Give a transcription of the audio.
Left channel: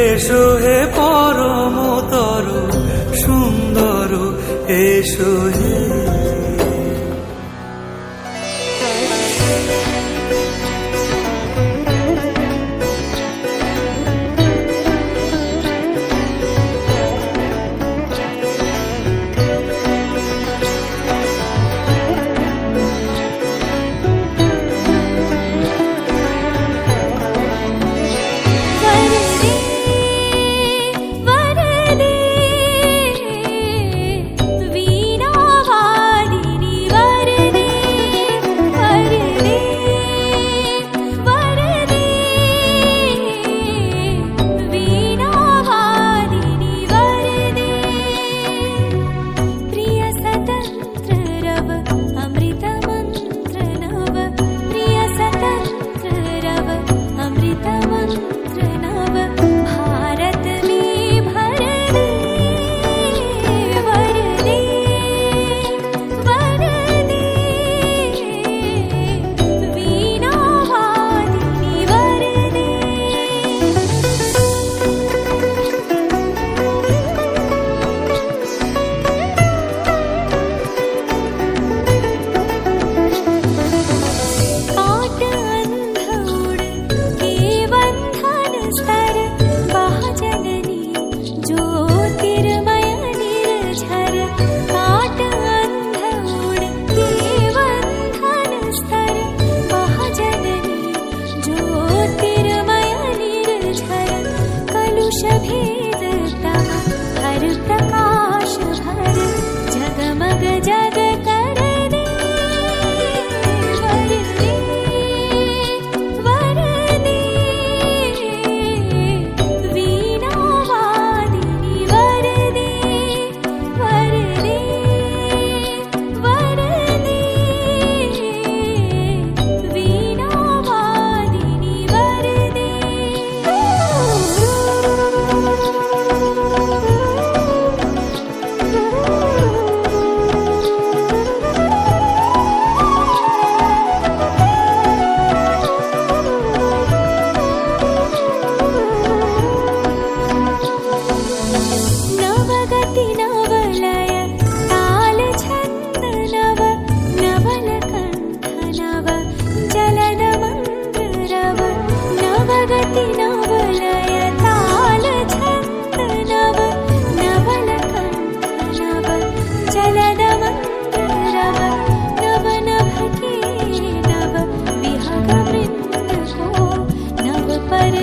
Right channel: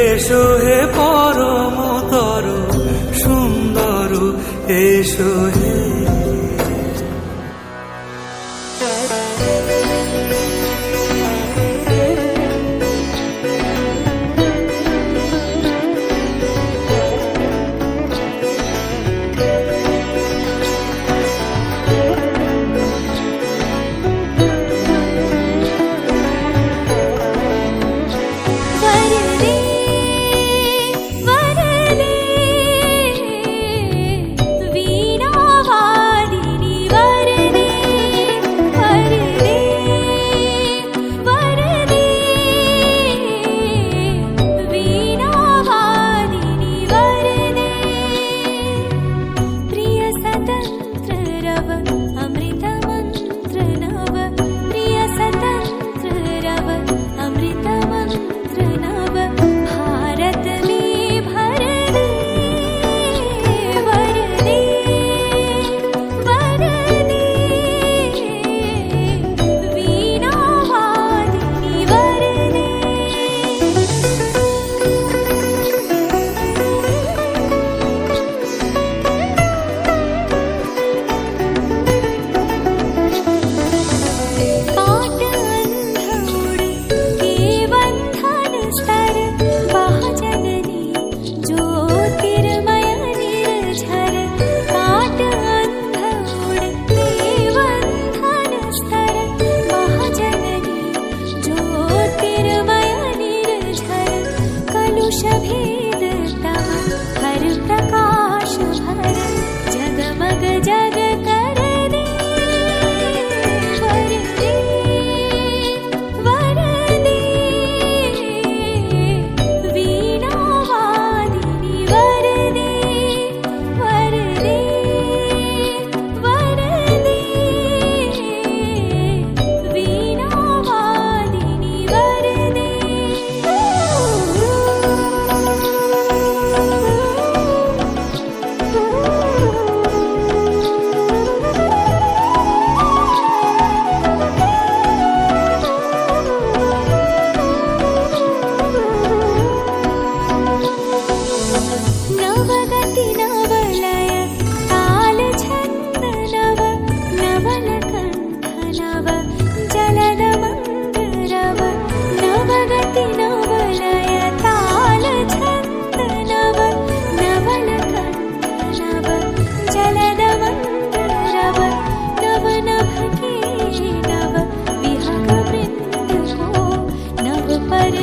এসো হে পরমতর সুন্দর এসো হে। अमृत मंत्र नव प्रिय स्वतंत्र रव अमृत मंत्र नव भारत में भर दे वर दे वर दे वीणा वादिनी वर दे। ज्योतिर्मय निर्झर काट अंध उड़ के बंधन स्तर महाजननी ज्योतिर्मय निर्झर कलुष भेद तम हर प्रकाश भर जगमग जग कर दे वर दे वर दे वीणा नवगति नवलय ताल छंद नव नवल कंठ नव जलद मंद्र रव नवगति नवलय ताल छंद नव नवल कंठ नव जलद मंद्र रव नव नभ के नव विहग वृंद को नव पर